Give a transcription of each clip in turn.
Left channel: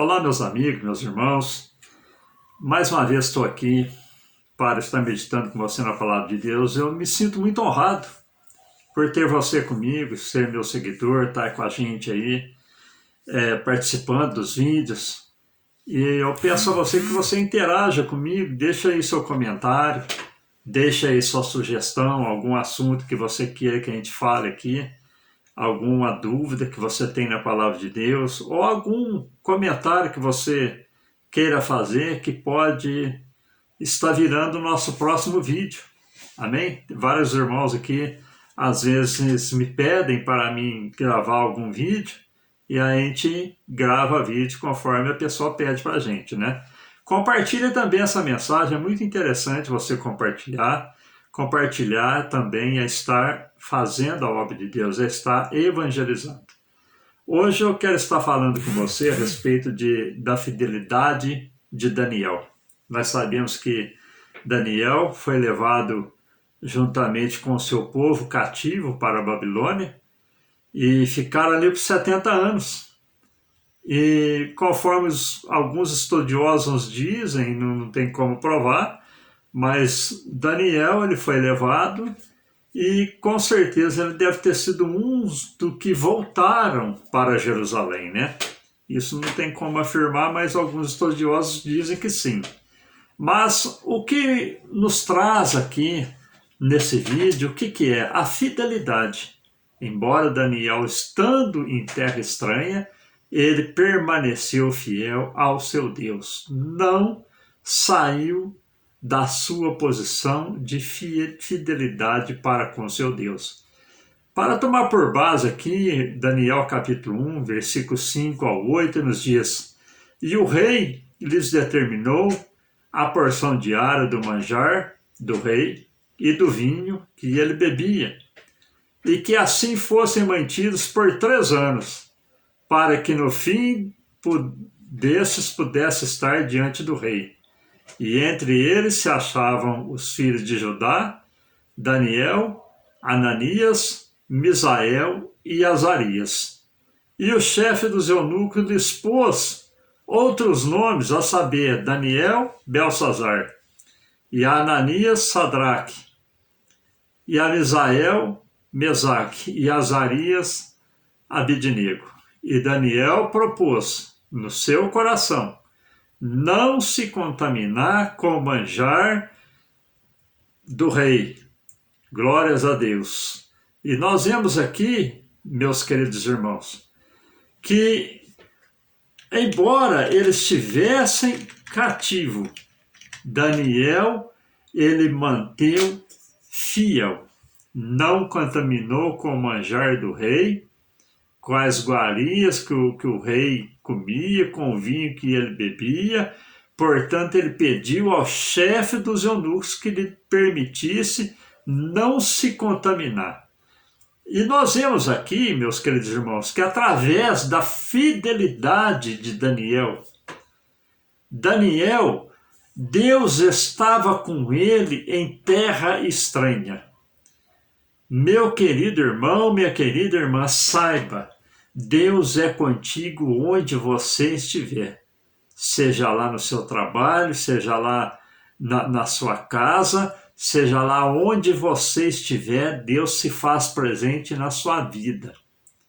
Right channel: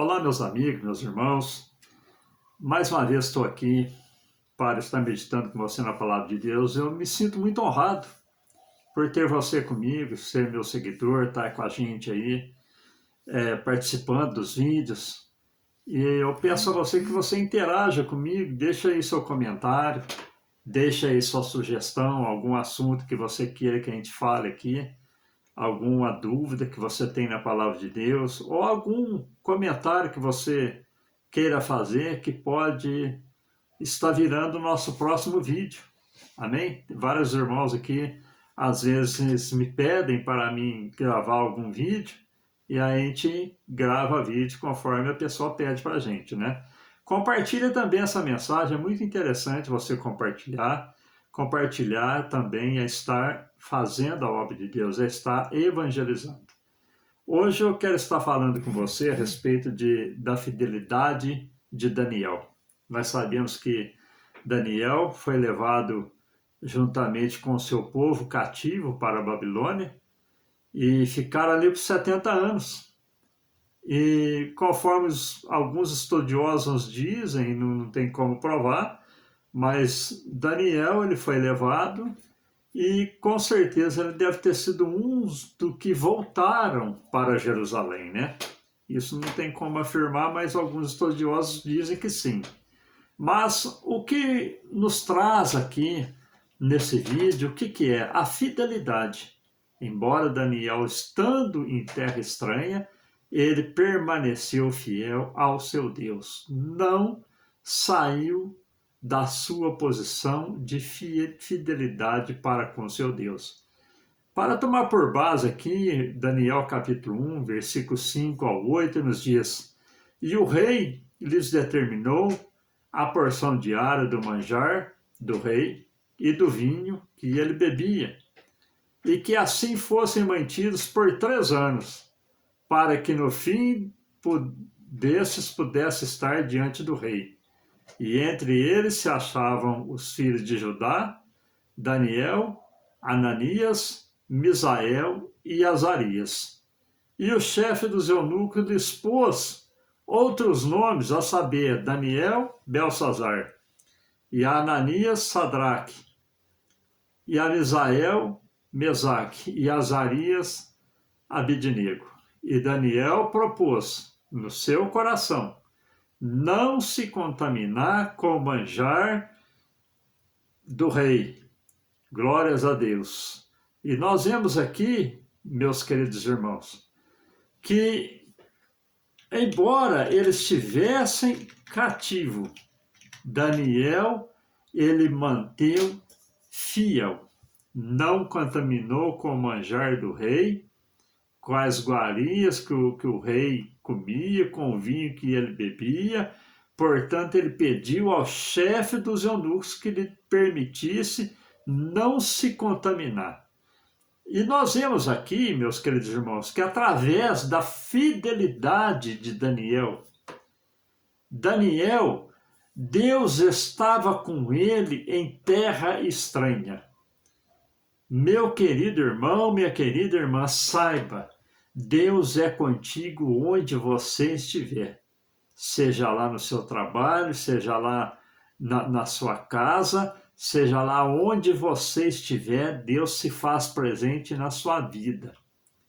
Olá, meus amigos, meus irmãos. Mais uma vez estou aqui para estar meditando com você na Palavra de Deus. Eu me sinto muito honrado por ter você comigo, ser meu seguidor, estar com a gente aí, participando dos vídeos. E eu peço a você que você interaja comigo, deixa aí seu comentário, deixa aí sua sugestão, algum assunto que você queira que a gente fale aqui, alguma dúvida que você tem na Palavra de Deus, ou algum comentário que você queira fazer que pode estar virando o nosso próximo vídeo. Amém? Vários irmãos aqui, às vezes, me pedem para mim gravar algum vídeo, e a gente grava vídeo conforme a pessoa pede para a gente, né? Compartilhe também essa mensagem, é muito interessante você compartilhar. Compartilhar também é estar fazendo a obra de Deus, é estar evangelizando. Hoje eu quero estar falando com você a respeito da fidelidade de Daniel. Nós sabemos que Daniel foi levado juntamente com o seu povo cativo para a Babilônia e ficaram ali por 70 anos. E conforme alguns estudiosos dizem, não tem como provar, mas Daniel ele foi levado e com certeza ele deve ter sido um dos que voltaram para Jerusalém, né? Isso não tem como afirmar, mas alguns estudiosos dizem que sim. Mas o que nos traz aqui nesse vídeo, o que é? A fidelidade. Embora Daniel, estando em terra estranha, ele permaneceu fiel ao seu Deus. Não saiu da sua posição de fidelidade para com seu Deus. Para tomar por base aqui, Daniel capítulo 1, versículos 5 ao 8, nos diz: E o rei lhes determinou a porção diária do manjar do rei e do vinho que ele bebia, e que assim fossem mantidos por 3 anos, para que no fim desses pudesse estar diante do rei. E entre eles se achavam os filhos de Judá, Daniel, Ananias, Misael e Azarias. E o chefe dos eunucos lhes pôs outros nomes, a saber, Daniel, Belsazar, e a Ananias, Sadraque, e a Misael, Mesaque, e Azarias, Abidnego. E Daniel propôs no seu coração não se contaminar com o manjar do rei. Glórias a Deus. E nós vemos aqui, meus queridos irmãos, que embora eles estivessem cativo, Daniel, ele manteve fiel, não contaminou com o manjar do rei, com as iguarias que o rei comia, com o vinho que ele bebia. Portanto, ele pediu ao chefe dos eunucos que lhe permitisse não se contaminar. E nós vemos aqui, meus queridos irmãos, que através da fidelidade de Daniel, Deus estava com ele em terra estranha. Meu querido irmão, minha querida irmã, saiba, Deus é contigo onde você estiver. Seja lá no seu trabalho, seja lá na sua casa, seja lá onde você estiver, Deus se faz presente na sua vida.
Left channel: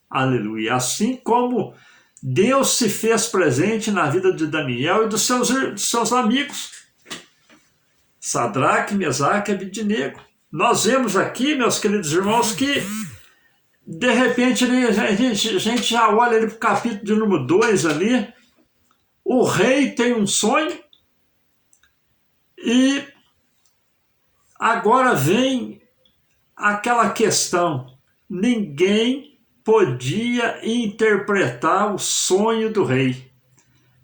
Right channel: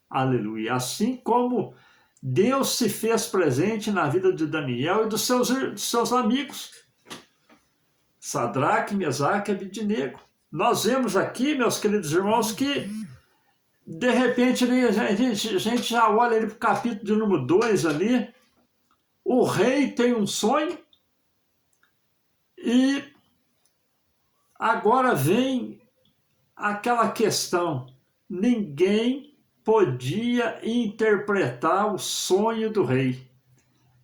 Aleluia. Assim como Deus se fez presente na vida de Daniel e dos seus amigos, Sadraque, Mesaque e Abidnego. Nós vemos aqui, meus queridos irmãos, que de repente a gente já olha ali para o capítulo de número 2 ali, o rei tem um sonho e agora vem aquela questão, ninguém podia interpretar o sonho do rei.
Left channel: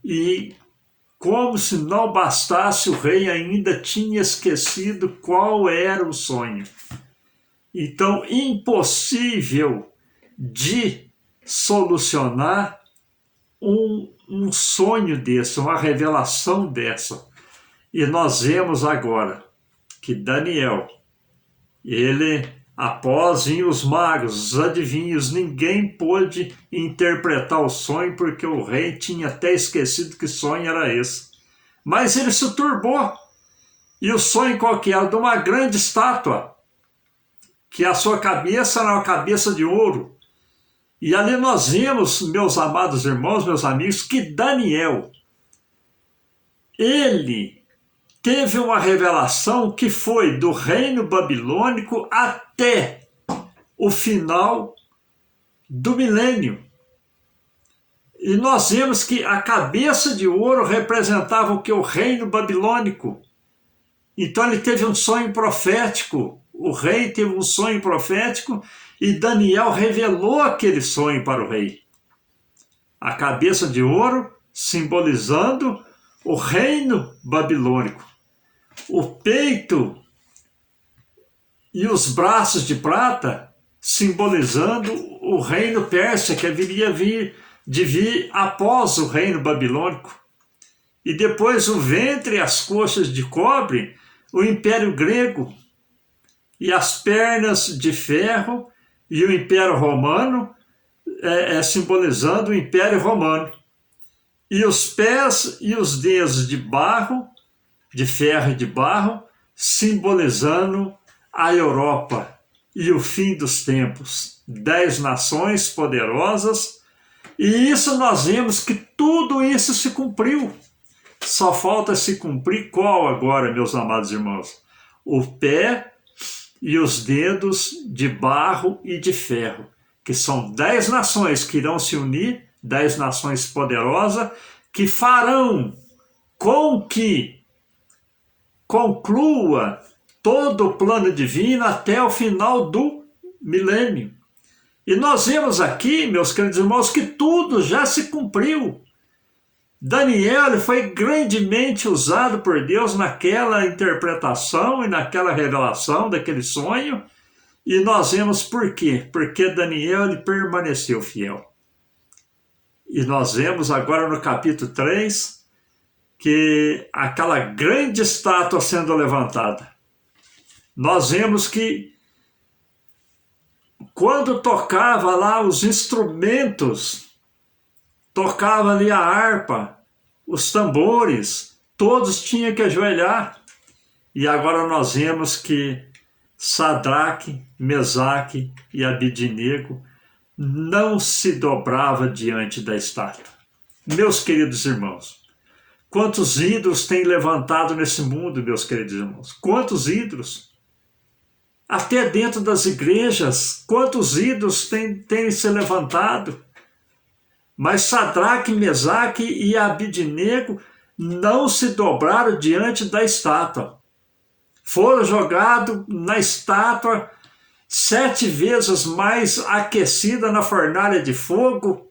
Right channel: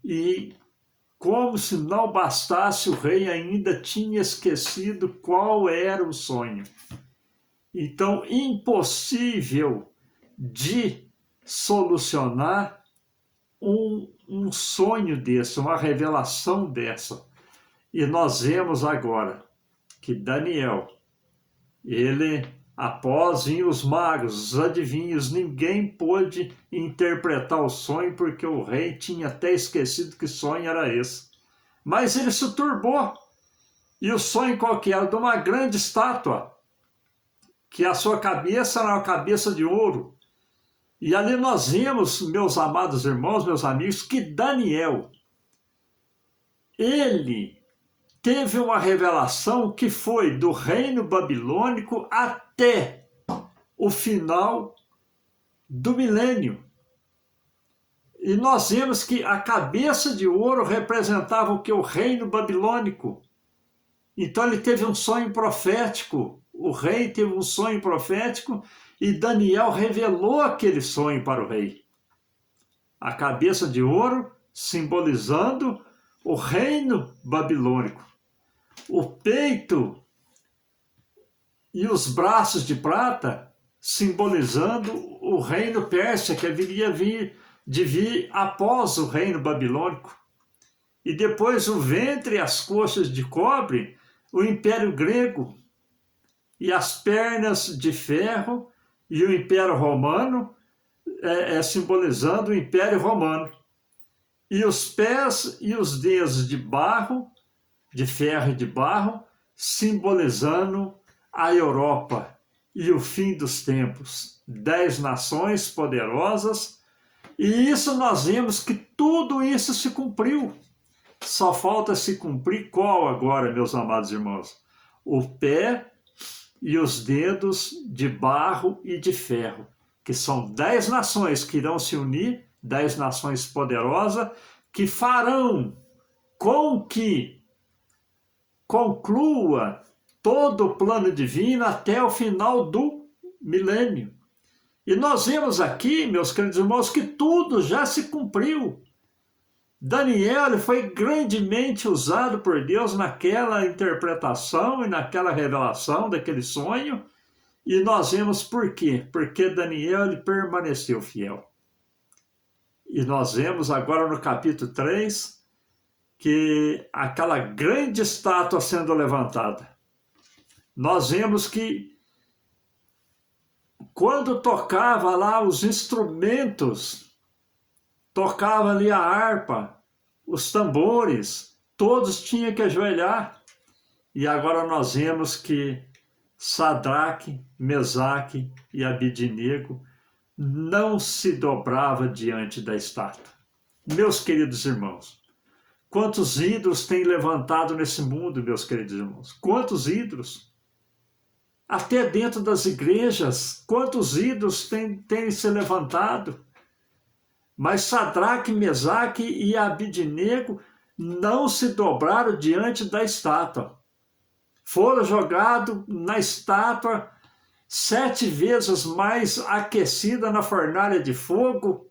E como se não bastasse, o rei ainda tinha esquecido qual era o sonho. Então, impossível de solucionar um sonho desse, uma revelação dessa. E nós vemos agora que Daniel, ele Após vinham os magos, os adivinhos, ninguém pôde interpretar o sonho porque o rei tinha até esquecido que sonho era esse. Mas ele se turbou. E o sonho qual que era? De uma grande estátua, que a sua cabeça era uma cabeça de ouro. E ali nós vimos, meus amados irmãos, meus amigos, que Daniel, ele teve uma revelação que foi do reino babilônico até o final do milênio. E nós vemos que a cabeça de ouro representava o que? O reino babilônico. Então ele teve um sonho profético, o rei teve um sonho profético e Daniel revelou aquele sonho para o rei. A cabeça de ouro simbolizando o reino babilônico. O peito e os braços de prata simbolizando o reino persa que viria de vir após o reino babilônico. E depois o ventre e as coxas de cobre, o império grego, e as pernas de ferro e o império romano, simbolizando o império romano. E os pés e os dedos de barro, de ferro e de barro, simbolizando a Europa e o fim dos tempos. 10 nações poderosas, e isso nós vemos que tudo isso se cumpriu. Só falta se cumprir qual agora, meus amados irmãos? O pé e os dedos de barro e de ferro, que são 10 nações que irão se unir, 10 nações poderosas, que farão com que conclua todo o plano divino até o final do milênio. E nós vemos aqui, meus queridos irmãos, que tudo já se cumpriu. Daniel foi grandemente usado por Deus naquela interpretação e naquela revelação daquele sonho, e nós vemos por quê? Porque Daniel permaneceu fiel. E nós vemos agora no capítulo 3 que aquela grande estátua sendo levantada. Nós vemos que quando tocava lá os instrumentos, tocava ali a harpa, os tambores, todos tinham que ajoelhar. E agora nós vemos que Sadraque, Mesaque e Abidnego não se dobrava diante da estátua. Meus queridos irmãos, quantos ídolos tem levantado nesse mundo, meus queridos irmãos? Quantos ídolos? Até dentro das igrejas, quantos ídolos têm se levantado? Mas Sadraque, Mesaque e Abidnego não se dobraram diante da estátua. Foram jogados na estátua 7 vezes mais aquecida na fornalha de fogo,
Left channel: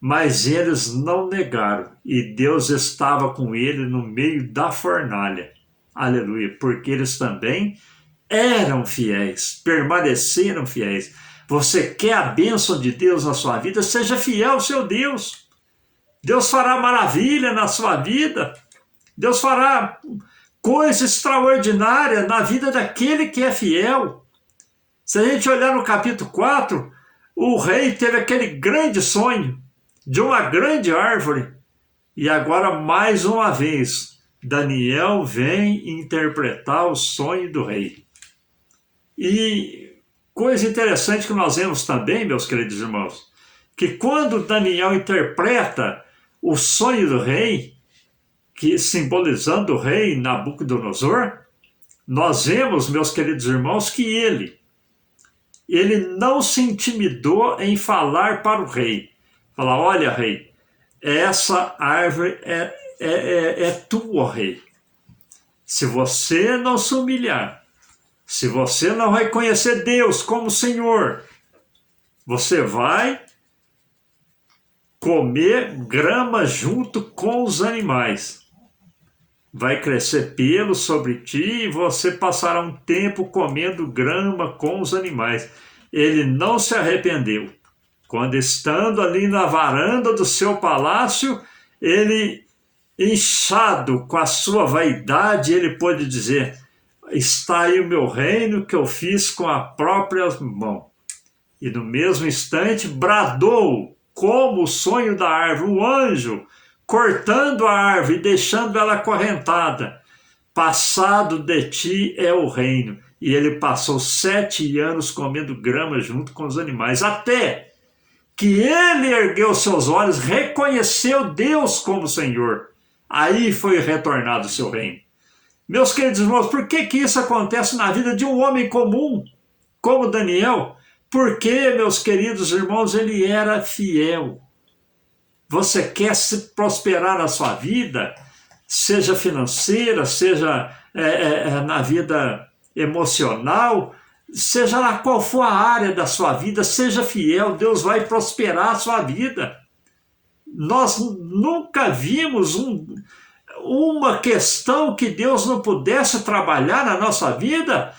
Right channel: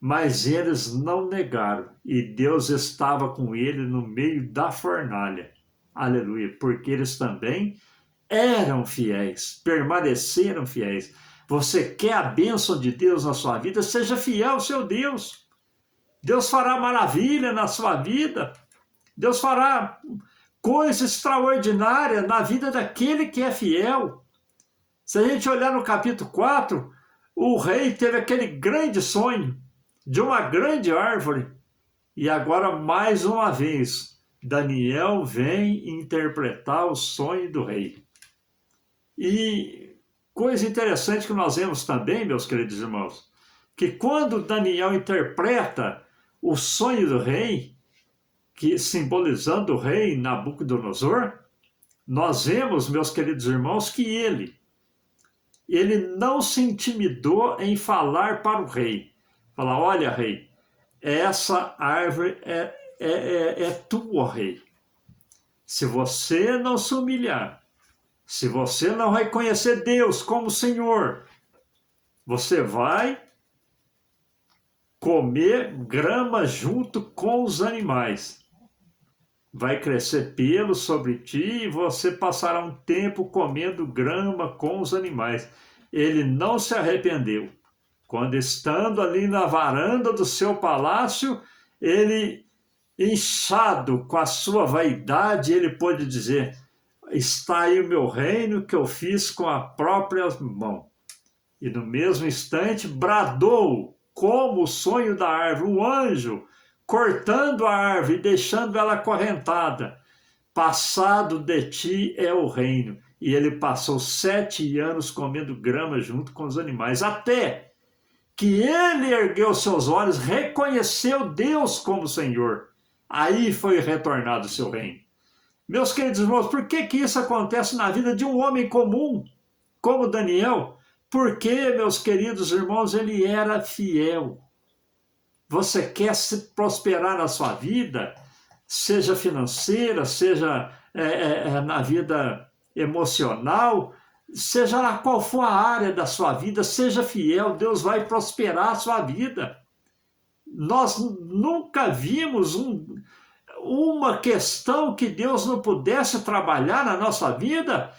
mas eles não negaram. E Deus estava com ele no meio da fornalha. Aleluia, porque eles também eram fiéis, permaneceram fiéis. Você quer a bênção de Deus na sua vida? Seja fiel ao seu Deus. Deus fará maravilha na sua vida. Deus fará coisa extraordinária na vida daquele que é fiel. Se a gente olhar no capítulo 4, o rei teve aquele grande sonho de uma grande árvore. E agora, mais uma vez, Daniel vem interpretar o sonho do rei. E coisa interessante que nós vemos também, meus queridos irmãos, que quando Daniel interpreta o sonho do rei, que simbolizando o rei Nabucodonosor, nós vemos, meus queridos irmãos, que ele não se intimidou em falar para o rei. Falar, olha, rei, essa árvore é tua, rei. Se você não se humilhar, se você não reconhecer Deus como Senhor, você vai comer grama junto com os animais. Vai crescer pelo sobre ti e você passará um tempo comendo grama com os animais. Ele não se arrependeu. Quando estando ali na varanda do seu palácio, ele, inchado com a sua vaidade, ele pôde dizer, está aí o meu reino que eu fiz com a própria mão. E no mesmo instante bradou, como o sonho da árvore, um anjo, cortando a árvore e deixando ela acorrentada. Passado de ti é o reino. E ele passou 7 anos comendo grama junto com os animais, até que ele ergueu seus olhos, reconheceu Deus como Senhor. Aí foi retornado o seu reino. Meus queridos irmãos, por que isso acontece na vida de um homem comum, como Daniel? Porque, meus queridos irmãos, ele era fiel. Você quer se prosperar na sua vida, seja financeira, seja na vida emocional, seja lá qual for a área da sua vida, seja fiel, Deus vai prosperar a sua vida. Nós nunca vimos uma questão que Deus não pudesse trabalhar na nossa vida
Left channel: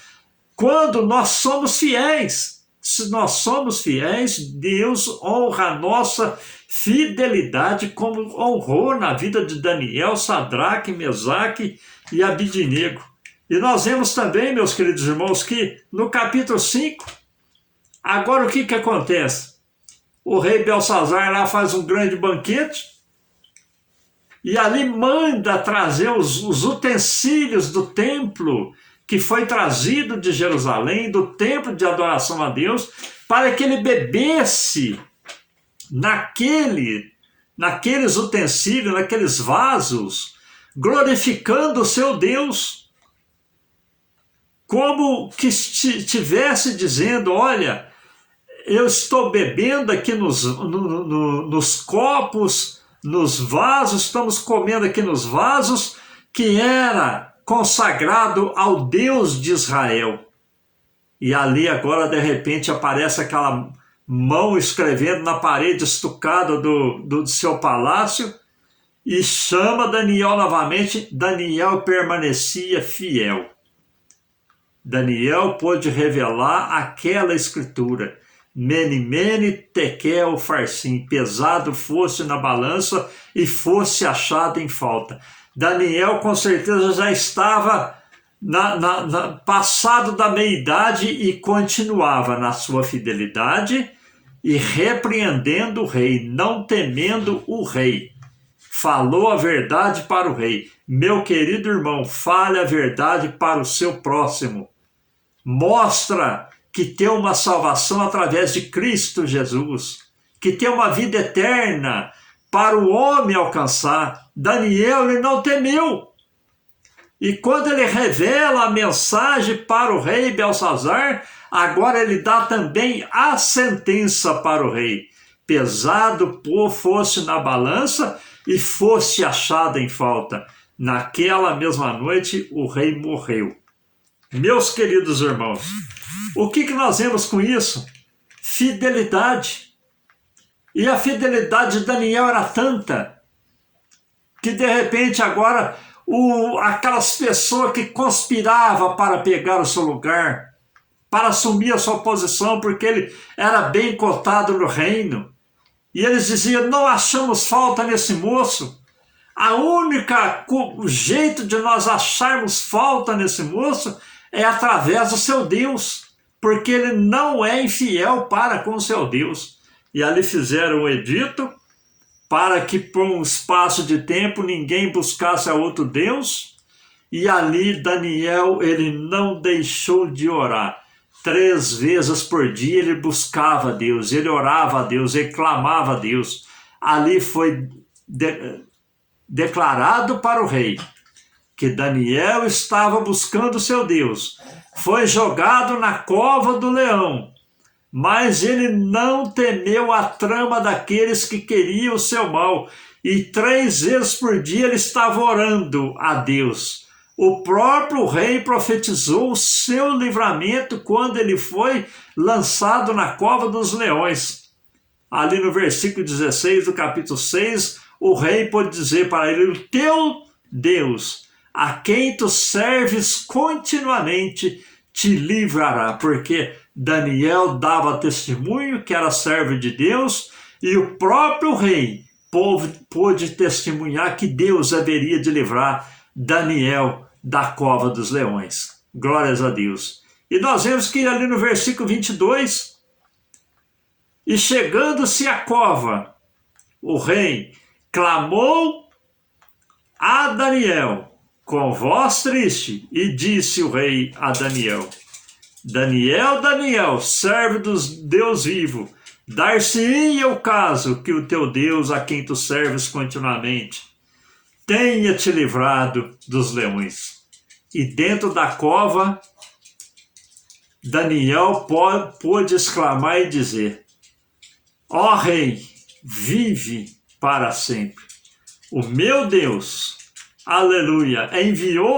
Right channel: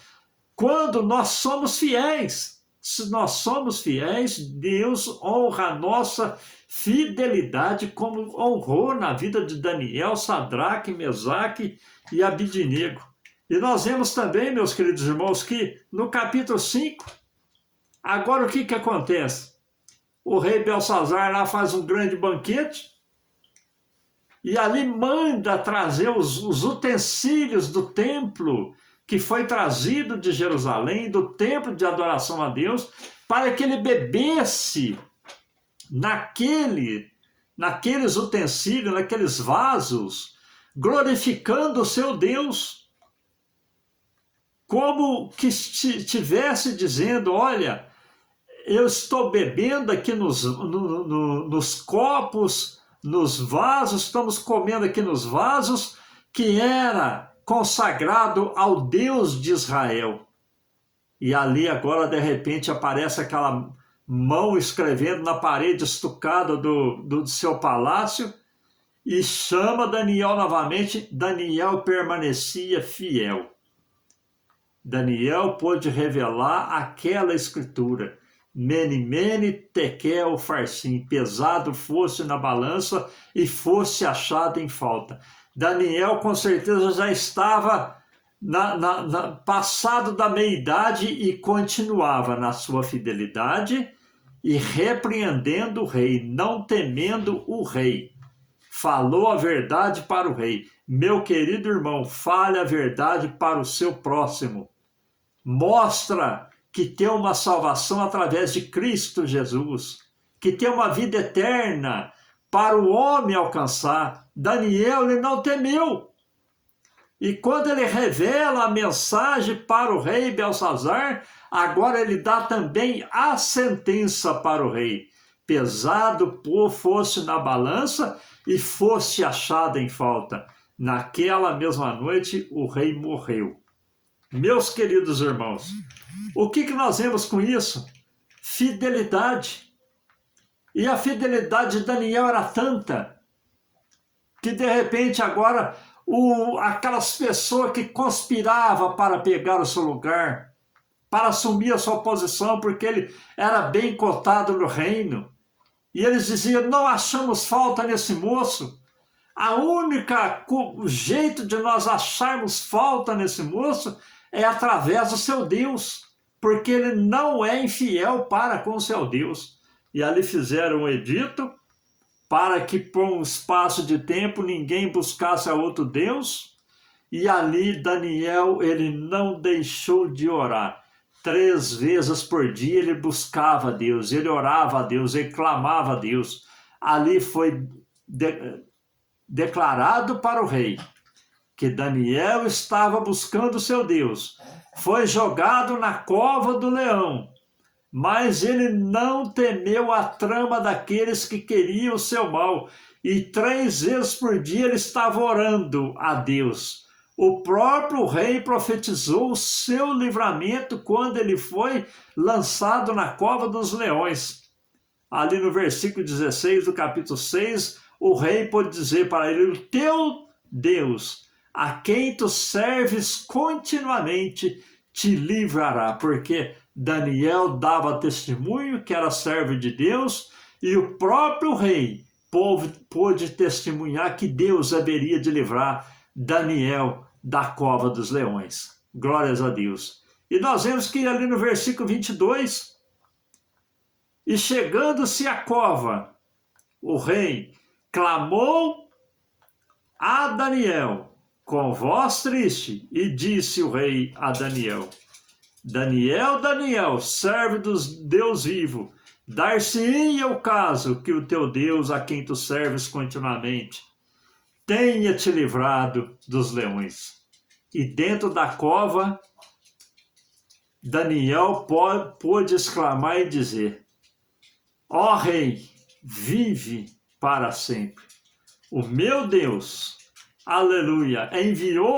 quando nós somos fiéis. Se nós somos fiéis, Deus honra a nossa fidelidade como honrou na vida de Daniel, Sadraque, Mesaque e Abidnego. E nós vemos também, meus queridos irmãos, que no capítulo 5, agora o que acontece? O rei Belsazar lá faz um grande banquete e ali manda trazer os utensílios do templo que foi trazido de Jerusalém, do templo de adoração a Deus, para que ele bebesse naqueles utensílios, naqueles vasos, glorificando o seu Deus, como que estivesse dizendo, olha, eu estou bebendo aqui nos copos, nos vasos, estamos comendo aqui nos vasos, que era consagrado ao Deus de Israel. E ali agora, de repente, aparece aquela mão escrevendo na parede estucada do seu palácio e chama Daniel novamente. Daniel permanecia fiel. Daniel pôde revelar aquela escritura. Mene, mene, tekel, farsim, pesado fosse na balança e fosse achado em falta. Daniel com certeza já estava passado da meia-idade e continuava na sua fidelidade e repreendendo o rei, não temendo o rei. Falou a verdade para o rei. Meu querido irmão, fale a verdade para o seu próximo. Mostra que tem uma salvação através de Cristo Jesus, que tem uma vida eterna para o homem alcançar. Daniel, ele não temeu. E quando ele revela a mensagem para o rei Belsazar, agora ele dá também a sentença para o rei. Pesado fosse na balança e fosse achado em falta. Naquela mesma noite, o rei morreu. Meus queridos irmãos, o que nós vemos com isso? Fidelidade. E a fidelidade de Daniel era tanta que de repente agora aquelas pessoas que conspiravam para pegar o seu lugar, para assumir a sua posição, porque ele era bem cotado no reino, e eles diziam, não achamos falta nesse moço. O jeito de nós acharmos falta nesse moço é através do seu Deus, porque ele não é infiel para com o seu Deus. E ali fizeram um edito para que por um espaço de tempo ninguém buscasse a outro Deus, e ali Daniel, ele não deixou de orar. 3 vezes por dia ele buscava a Deus, ele orava a Deus, ele clamava a Deus. Ali foi declarado para o rei que Daniel estava buscando o seu Deus. Foi jogado na cova do leão, mas ele não temeu a trama daqueles que queriam o seu mal. E 3 vezes por dia ele estava orando a Deus. O próprio rei profetizou o seu livramento quando ele foi lançado na cova dos leões. Ali no versículo 16 do capítulo 6, o rei pode dizer para ele, o teu Deus, a quem tu serves continuamente, te livrará, porque Daniel dava testemunho que era servo de Deus e o próprio rei pôde testemunhar que Deus haveria de livrar Daniel da cova dos leões. Glórias a Deus. E nós vemos que ali no versículo 22, e chegando-se à cova, o rei clamou a Daniel com voz triste, e disse o rei a Daniel: Daniel, Daniel, servo do Deus vivo, dar-se-ia o caso que o teu Deus, a quem tu serves continuamente, tenha te livrado dos leões. E dentro da cova, Daniel pôde exclamar e dizer: ó rei, vive para sempre. O meu Deus, aleluia, enviou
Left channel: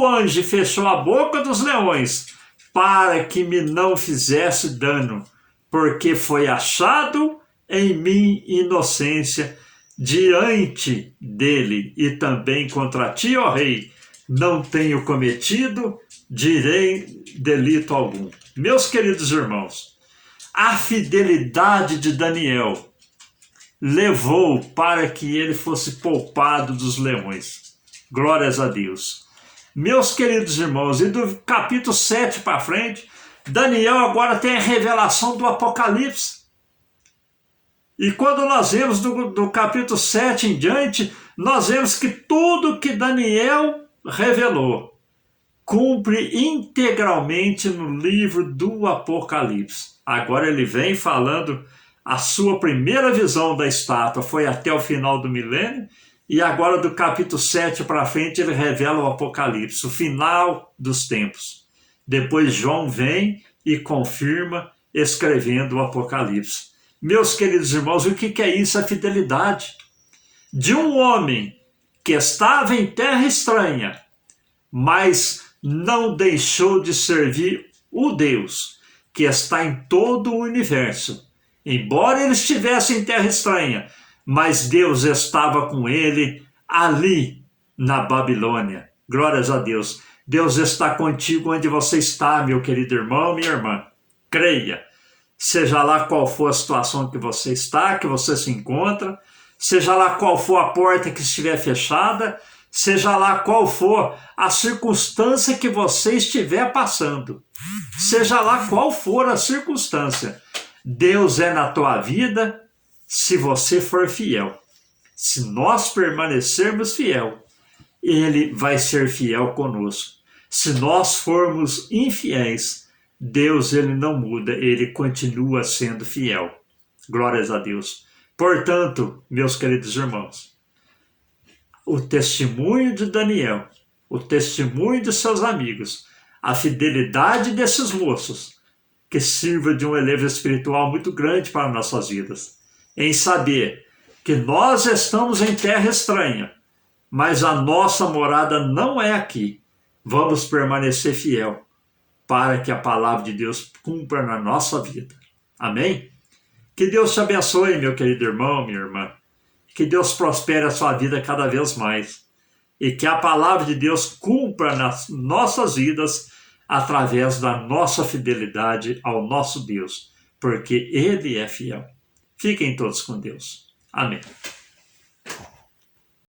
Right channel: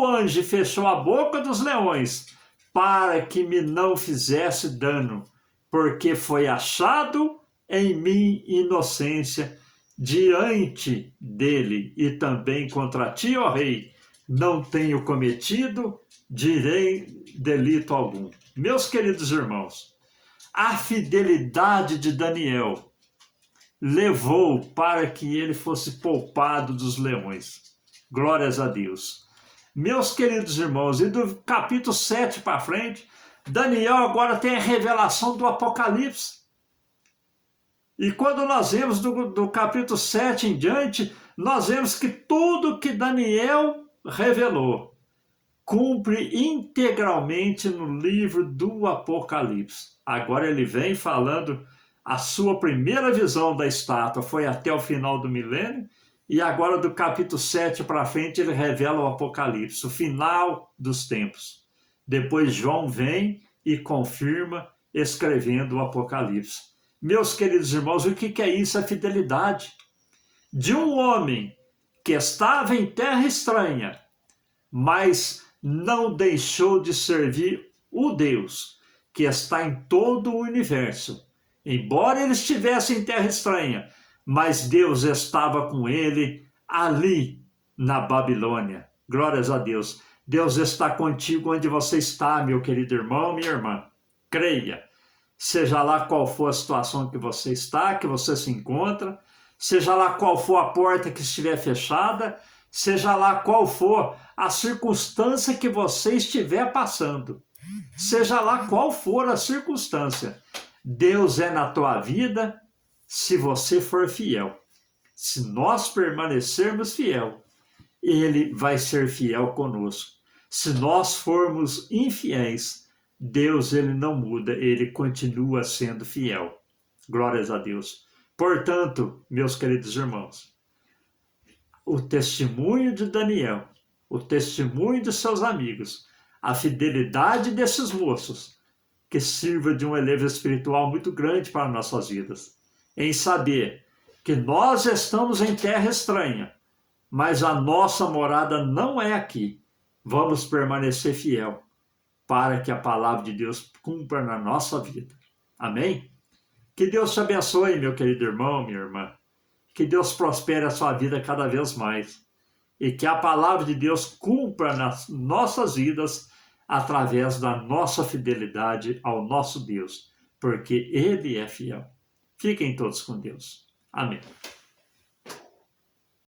o anjo e fechou a boca dos leões, para que me não fizesse dano, porque foi achado em mim inocência diante dele, e também contra ti, ó rei, não tenho cometido delito algum. Meus queridos irmãos, a fidelidade de Daniel levou para que ele fosse poupado dos leões. Glórias a Deus. Meus queridos irmãos, e do capítulo 7 para frente, Daniel agora tem a revelação do Apocalipse. E quando nós vemos do capítulo 7 em diante, nós vemos que tudo que Daniel revelou cumpre integralmente no livro do Apocalipse. Agora ele vem falando a sua primeira visão da estátua foi até o final do milênio, e agora do capítulo 7 para frente ele revela o Apocalipse, o final dos tempos. Depois João vem e confirma escrevendo o Apocalipse. Meus queridos irmãos, o que é isso? A fidelidade de um homem que estava em terra estranha, mas não deixou de servir o Deus que está em todo o universo. Embora ele estivesse em terra estranha, mas Deus estava com ele ali na Babilônia. Glórias a Deus. Deus está contigo onde você está, meu querido irmão, minha irmã. Creia. Seja lá qual for a situação que você está, que você se encontra, seja lá qual for a porta que estiver fechada, seja lá qual for a circunstância que você estiver passando, seja lá qual for a circunstância, Deus é na tua vida se você for fiel. Se nós permanecermos fiel, Ele vai ser fiel conosco. Se nós formos infiéis, Deus ele não muda, Ele continua sendo fiel. Glórias a Deus. Portanto, meus queridos irmãos, o testemunho de Daniel, o testemunho de seus amigos, a fidelidade desses moços, que sirva de um elevo espiritual muito grande para nossas vidas, em saber que nós estamos em terra estranha, mas a nossa morada não é aqui. Vamos permanecer fiel para que a palavra de Deus cumpra na nossa vida. Amém? Que Deus te abençoe, meu querido irmão, minha irmã. Que Deus prospere a sua vida cada vez mais. E que a palavra de Deus cumpra nas nossas vidas através da nossa fidelidade ao nosso Deus, porque Ele é fiel. Fiquem todos com Deus. Amém.